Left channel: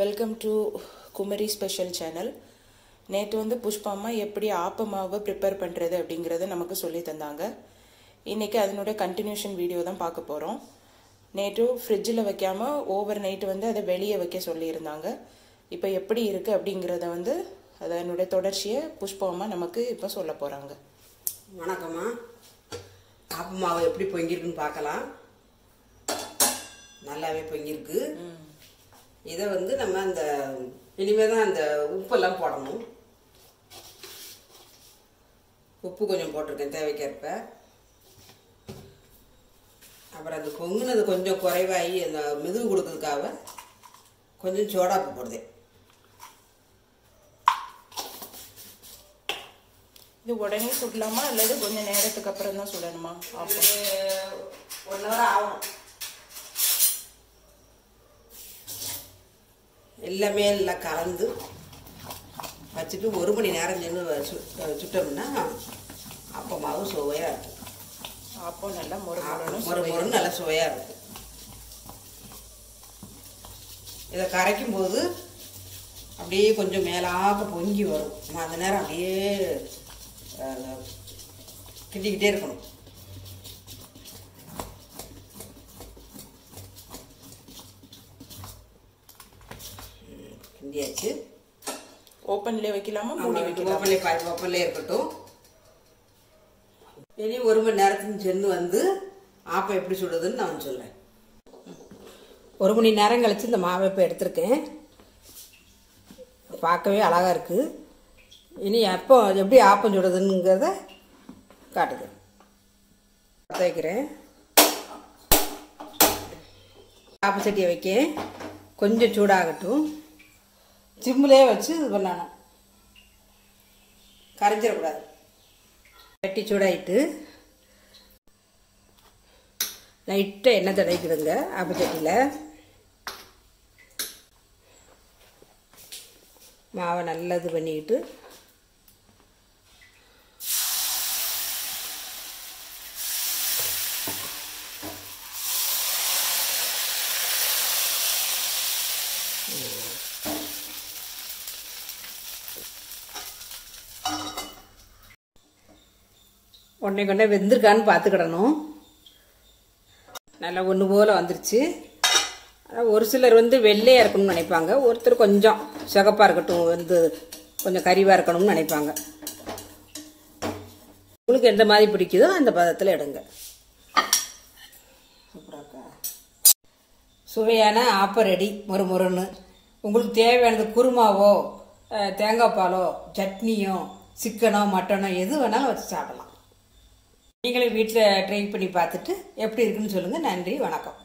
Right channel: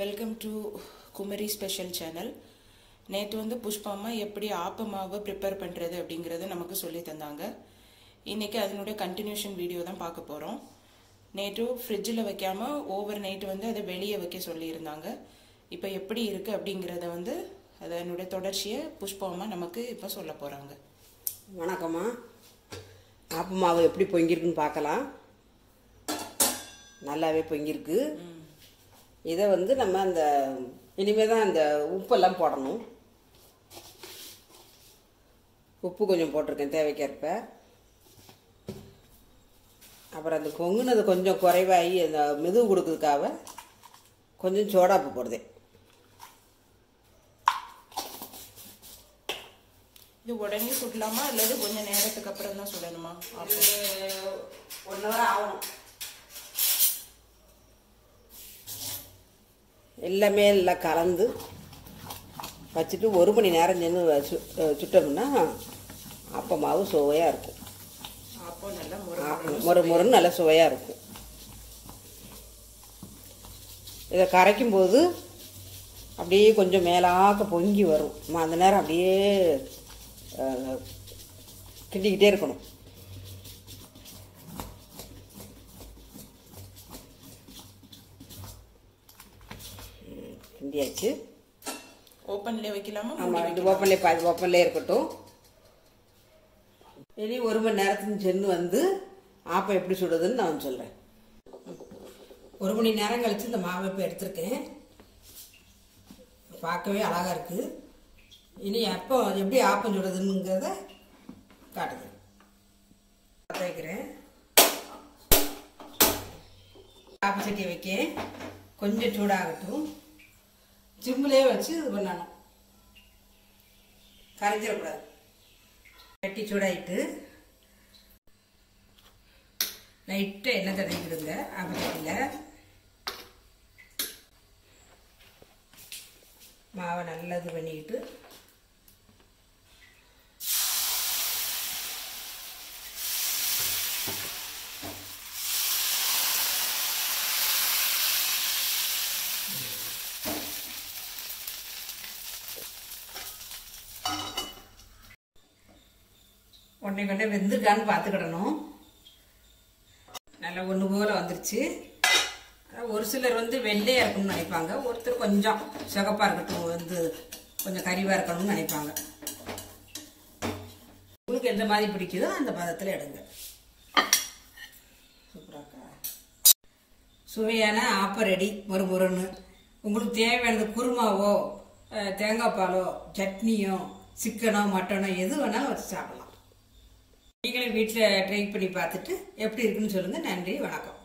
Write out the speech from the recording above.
Welcome to Kumari special channel. நேற்று வந்து புஷ்பாமா எப்படி ஆப்ப மாவை ப்ரிப்பேர் பண்ணுறது அப்படிங்கிறத நமக்கு சொல்லி தந்தாங்க. இன்றைக்கி அதனுடைய கண்டினியூஷன் வீடியோ தான் பார்க்க போகிறோம். நேற்று ஃப்ரிட்ஜில் வைக்காமல் ஓவர் நைட்டு வந்து அதை வெளியே வைக்க சொல்லியிருந்தாங்க. இப்போ எப்படி இருக்குது அப்படிங்கிறத வந்து அதனுடைய தொடர்ச்சியை புஷ்பாமா நமக்கு இப்போ சொல்ல போகிறாங்க. வணக்கம்மா. ஆப்ப மாவு எப்படி பொங்கிருக்குன்னு பார்க்கலாம். நல்லாவே பொங்கிருக்கு. இதை வந்து நம்ம அந்த இனிமே தான் அந்த உப்பெல்லாம் போடணும். உப்பு கொஞ்சம் போட்டிருக்கேன் தேவைக்கேற்ப. அப்புறம் அந்த பொங்குனது கொஞ்சம் குறைவாகி அந்த மெதுவு கொடுக்கறதுக்காக கொஞ்சம் சோடாப்பு போடுதேன். இது உடனே சுடலாமா அல்லது கொஞ்சம் நேரத்துக்கு அப்புறம் தான் சுடணுமா? அப்போ 1 ஹவர் ஆகணும். எல்லாமே எல்லாம் கலந்து வச்சுட்டு 1 மணி நேரம் நின்று சுட்டோம்னா அப்போ மாவு சுவையாக இருக்கும். அப்போ நல்லா முறுமுறுன்னு நல்லா சுவையாக இருக்கும். இதை கரைக்கும் போது அப்படியே கொஞ்சம் மேலாக்க பொங்கி வரும். அந்த நேரம் அப்படியே கிண்டிக்கிட்டே இருக்கணும். கிண்டியாச்சு. ஓப்பன்லேயே வைக்கலாமா? ஓப்பன்லேயே இருக்கட்டும். இனி 1 மணி நேரத்துக்கு சென்று வந்து ஆப்பம் எப்படி சுடுறதுன்னு நான் சொல்றேன். 1 மணி நேரம் கழிச்சு இந்த மாவை இப்போ எடுத்திருக்கேன். பார்க்கவே அழகா இருக்கு. இனி எப்போ எப்படி ஆப்பம் சுடுறதுங்கிறத காட்டுது. வைக்கிறேன். ஆப்ப சட்டியை வைக்க கொஞ்சம் சூடாகட்டும். சிம்மிலே வச்சு இது பண்ணணும். கரைஞ்சிடக்கூடாது. சட்டி சூடாயிட்டு லைட்டாக எண்ணெய் தடவிக்கிடுங்க. ஆப்பச்சட்டியில் மாவை நல்லா இது பண்ணிக்கிட்டு ஒன்றை வெந்திருக்கான்னு பார்த்துக்கிடணும். நல்லா ஒன்று போல் வந்துருச்சு. ஒரு சிலர் வந்து வெள்ளையாக இருக்கணும்னு நினைப்பாங்க. ஒருத்தர் கொஞ்சம் சிகப்பாக இருக்கட்டும், வந்து கொஞ்சம் கறிவாக இருக்கணும்னு நினைப்பாங்க. உங்களுக்கு எந்த மாதிரி பிடிக்குதோ அந்த பதத்தில் எடுங்க. சுவையான ஆப்பம் ரெடி. முறுமுறுன்னு. உங்களுக்கு தேவையானது குருமாவோ தேங்காய் பாலோ சட்னியோ சிக்கனோ மட்டனோ எது வேணாலும் வச்சு சாப்பிடலாம். நீங்களே வீட்டில் ட்ரை பண்ணி பார்த்துட்டு எப்படி இருக்குன்னு சொல்லுங்கள். நன்றி, வணக்கம்.